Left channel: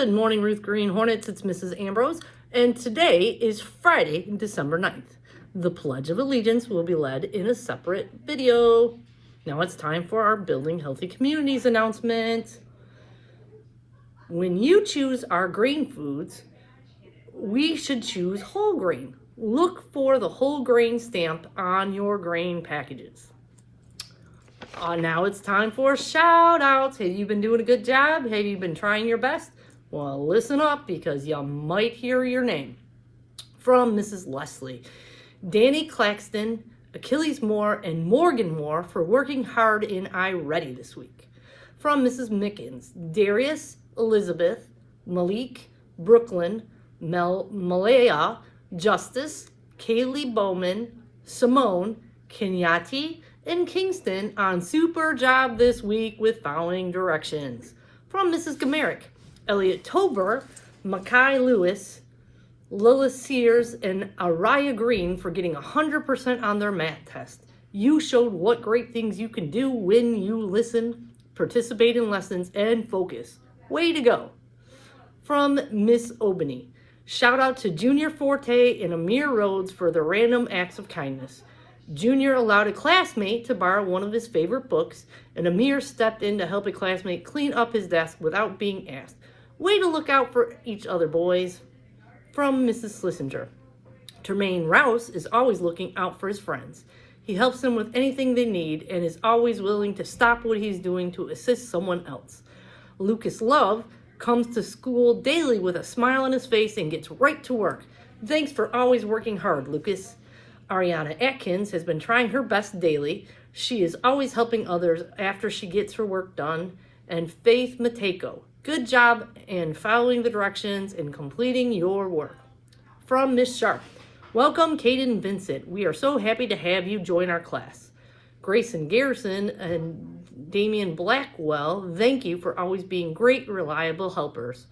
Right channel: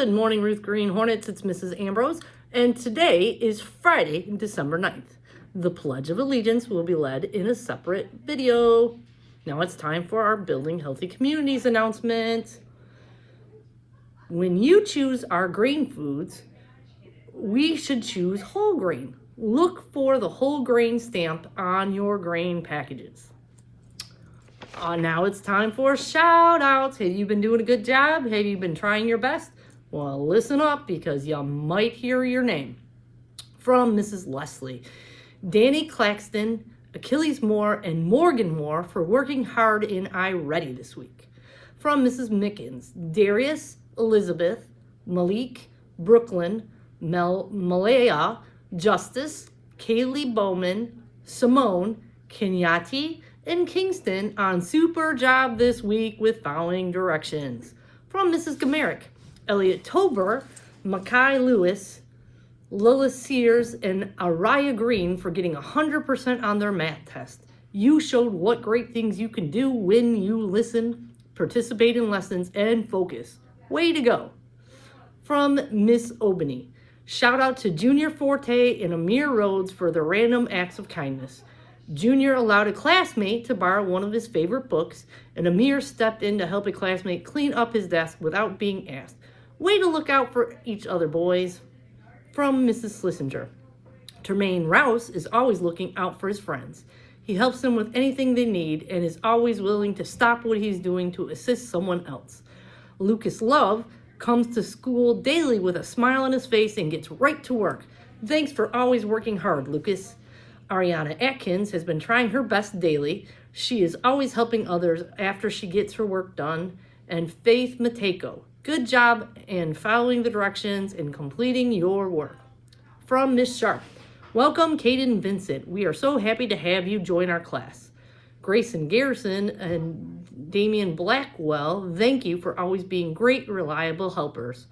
Good morning, Ruth Green Hornets. It's Mrs. Ambrose, and today is Friday, December 9th. The Pledge of Allegiance will be led in a separate video. Now it's time for our Building Healthy Communities announcement. When you choose our grain foods, we should choose whole grain. Look for the whole grain stamp on your grain packages. Now it's time for shout outs. Have you been doing a good job? Have you been trying your best? Well, listen up because you might hear your name. From Mrs. Leslie, Danny Claxton, Achilles Moore, and Morgan Moore for working hard in iReady this week. From Mrs. Mickens, Darius, Elizabeth, Malik, Brooklyn, Malaya, Justice, Kaylee Bowman, Simone, Kenyati, and Kingston on super job this week with following directions. From Mrs. Gamerick, Elliot Tober, Mackay Lewis, Lila Sears, and Araya Green for getting 100% on their math test. You showed what great things you can do when you listen, participate in lessons, and focus. Way to go. From Miss Obany, shout out to Junior Forte and Amir Rhodes for their random acts of kindness. Junior allowed a classmate to borrow one of his favorite books, and Amir stepped in to help a classmate clean up his desk without being asked. Way to look out for each other, boys. From Mrs. Schlesinger, Tremaine Rouse is always looking out for his friends. He helps them with anything they need and is always willing to stop what he's doing to assist someone else. Lucas Love comes to school daily with a smile on his face and gets right to work. Thanks for always working hard, Lucas. Ariana Atkins has been trying her best daily. She is always helping others after she gets her work done. And Faith Mateko, good job and following the directions and completing your work. From Miss Sharp, welcome Caden Vincent. We are so happy to have you join our class. Grayson Garrison and Damian Blackwell, thank you for always being great, reliable helpers.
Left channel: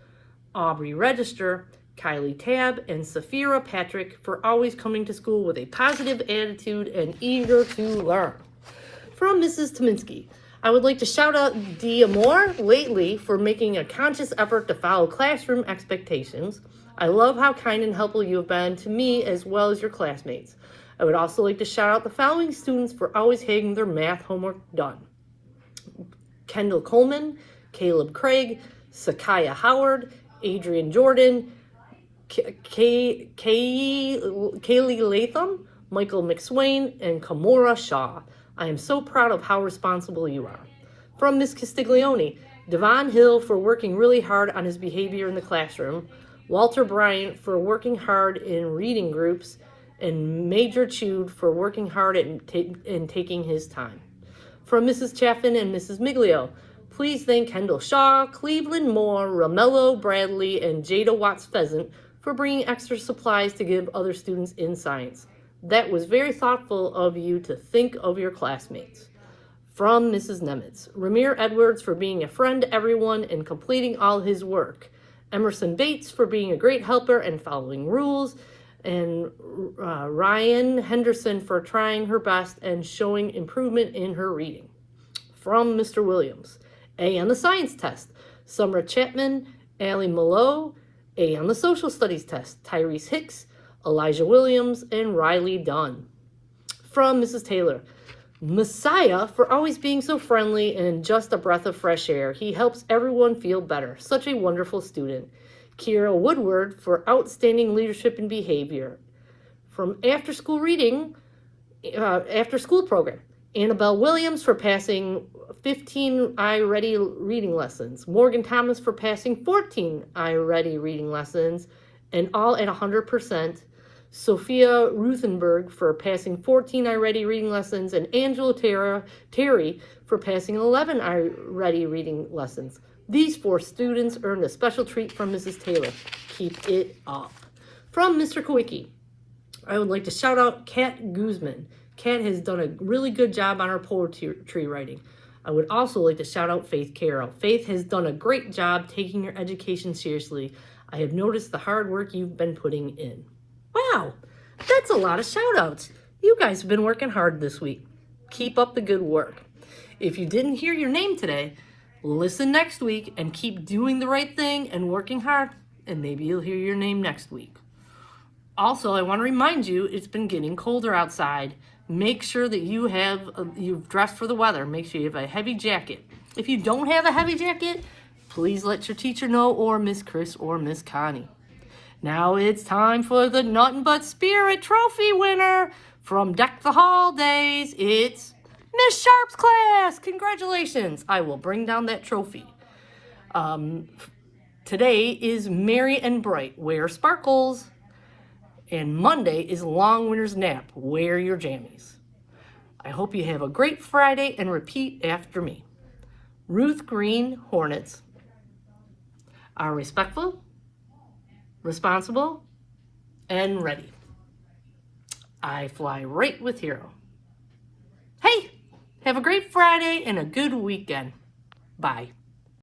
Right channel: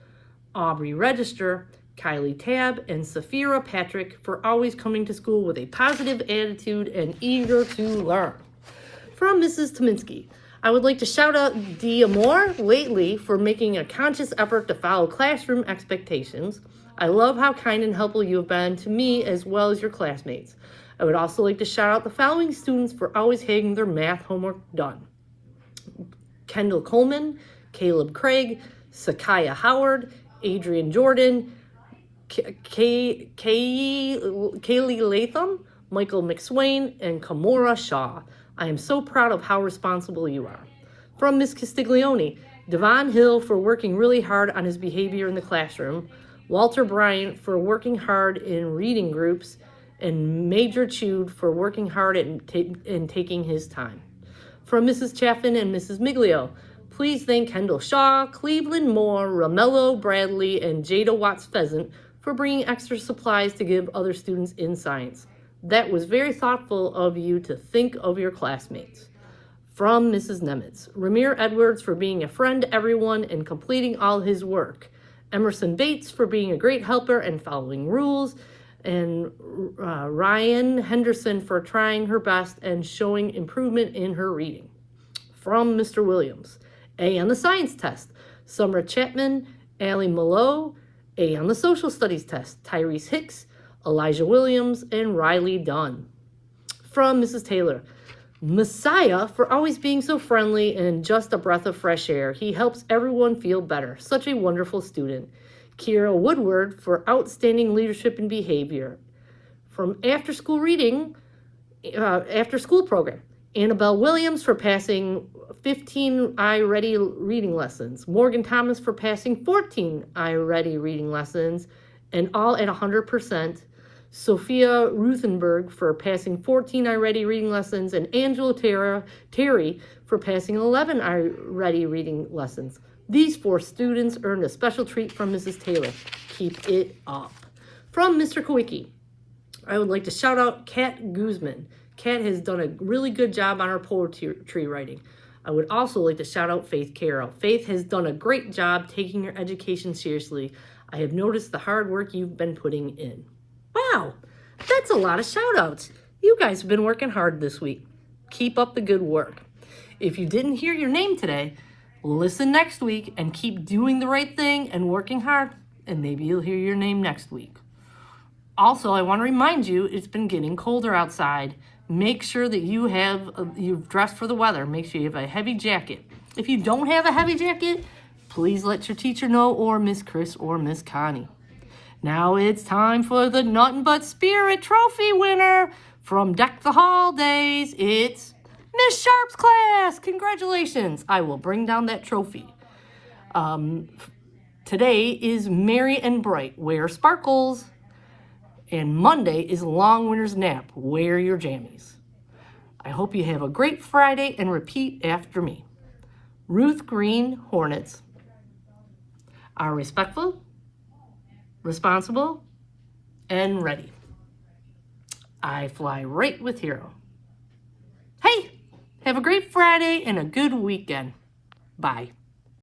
Aubrey Register, Kylie Tab, and Safira Patrick for always coming to school with a positive attitude and eager to learn. From Mrs. Tominski, I would like to shout out Dia Moore lately for making a conscious effort to follow classroom expectations. I love how kind and helpful you have been to me as well as your classmates. I would also like to shout out the following students for always having their math homework done. Kendall Coleman, Caleb Craig, Sakaya Howard, Adrian Jordan, Kaylee Latham, Michael McSwain, and Kamora Shaw. I am so proud of how responsible you are. From Ms. Castiglione, Devon Hill for working really hard on his behavior in the classroom, Walter Bryant for working hard in reading groups, and Major Chude for working hard and taking his time. From Mrs. Chaffin and Mrs. Miglio, please thank Kendall Shaw, Cleveland Moore, Romello Bradley, and Jada Watts Pheasant for bringing extra supplies to give other students in science. That was very thoughtful of you to think of your classmates. From Mrs. Nemitz, Ramir Edwards for being a friend to everyone and completing all his work. Emerson Bates for being a great helper and following rules. And Ryan Henderson for trying her best and showing improvement in her reading. From Mr. Williams, A on the science test. Summer Chapman, Allie Mallow, A on the social studies test. Tyrese Hicks, Elijah Williams, and Riley Dunn. From Mrs. Taylor, Messiah for always being so friendly and just a breath of fresh air. He helps everyone feel better. Such a wonderful student. Kiera Woodward for outstanding leadership and behavior. From after school program. Annabelle Williams for passing 15 iReady reading lessons. Morgan Thomas for passing 14 iReady reading lessons, and all at 100%. Sophia Ruthenberg for passing 14 iReady reading lessons, and Angela Terry for passing 11 iReady reading lessons. These 4 students earned a special treat from Mrs. Taylor. Keep it up. From Mr. Kowicki, I would like to shout out Kat Guzman. Kat has done a really good job on her poetry writing. I would also like to shout out Faith Carroll. Faith has done a great job taking her education seriously. I have noticed the hard work you've been putting in. Wow, that's a lot of shout outs. You guys have been working hard this week. Keep up the good work. If you didn't hear your name today, Listen next week and keep doing the right thing and working hard, and maybe you'll hear your name next week. Also, I want to remind you, it's been getting colder outside. Make sure that you've dressed for the weather. Make sure you have a heavy jacket. If you don't have a heavy jacket, please let your teacher know, or Miss Chris or Miss Connie. Now it's time for the Nothing But Spirit Trophy winner from Deck the Hall days. It's Miss Sharp's class. Congratulations. I will bring down that trophy. Today is Merry and Bright. Wear sparkles. And Monday is Long Winter's Nap. Wear your jammies. I hope you have a great Friday and repeat after me. Ruth Green Hornets are respectful, responsible, and ready. I fly right with Hero. Hey, have a great Friday and a good weekend. Bye.